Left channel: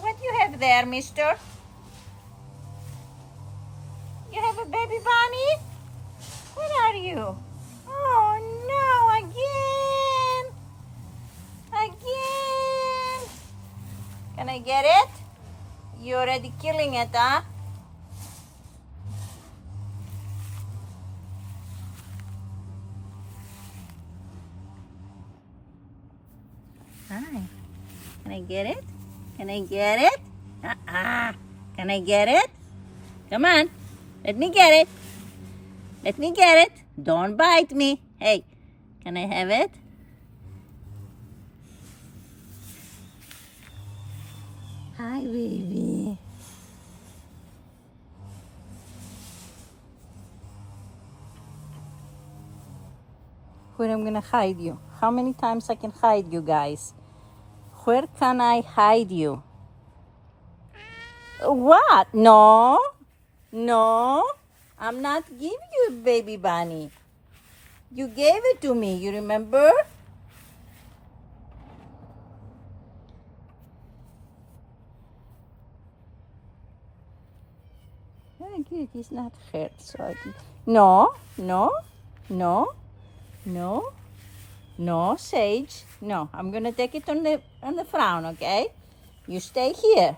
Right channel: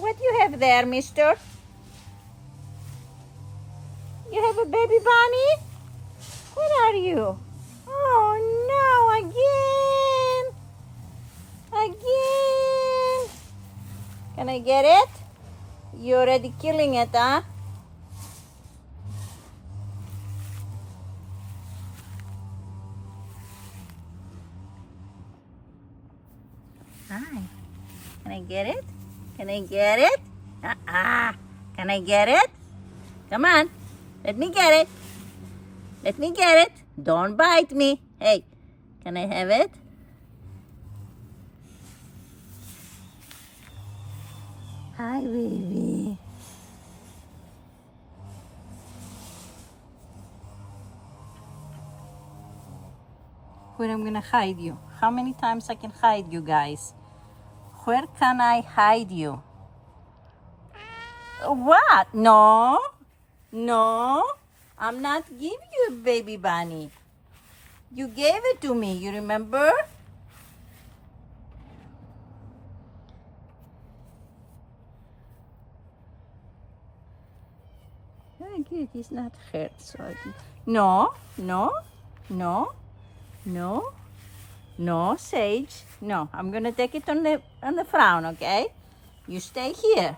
What you have there, mister? You have a baby bunny? Where are you? Oh no, again! Again! Can I get it? You're already killing it, huh? Hi. Can I get it? Can I get it? Can I get it? Come on. Let me get it. Let me get it. Don't bite me. Hey, can I have it? Hi, baby. Where I'm gonna hide you? How many times I can hide you guys? Where can I hide you? What? No. No. I'm not giving you a baby bunny. You gave it to me, you remember? Oh, good, he's not hurt. So no, no, no, no, no, Sage. No, I'm gonna take it on the frown, okay? You stay here.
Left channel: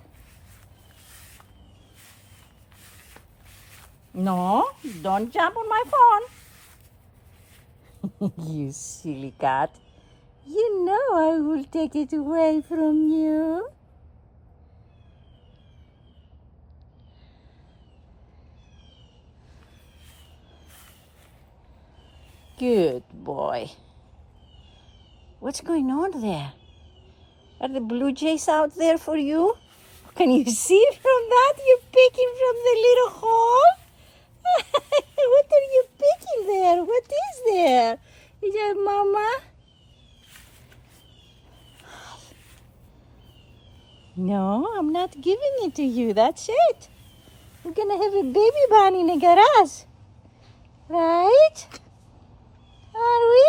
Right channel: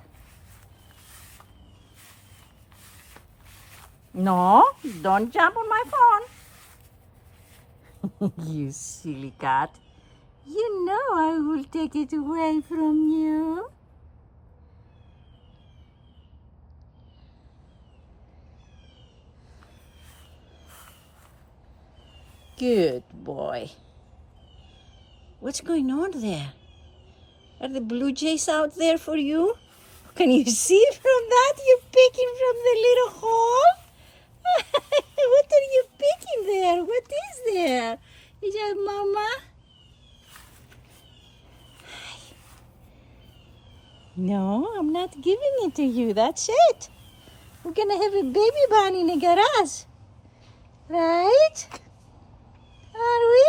No, don't jump on my phone. You silly cat. You know I will take it away from you. Good boy. What's going on there? Are the blue jays out there for you? Can you see from that? You're picking from the little hole? What are you picking there? What is there? Is that mama? No, I'm not giving it to you. That's it. We're gonna have a baby bunny in the garage. Right? Are we?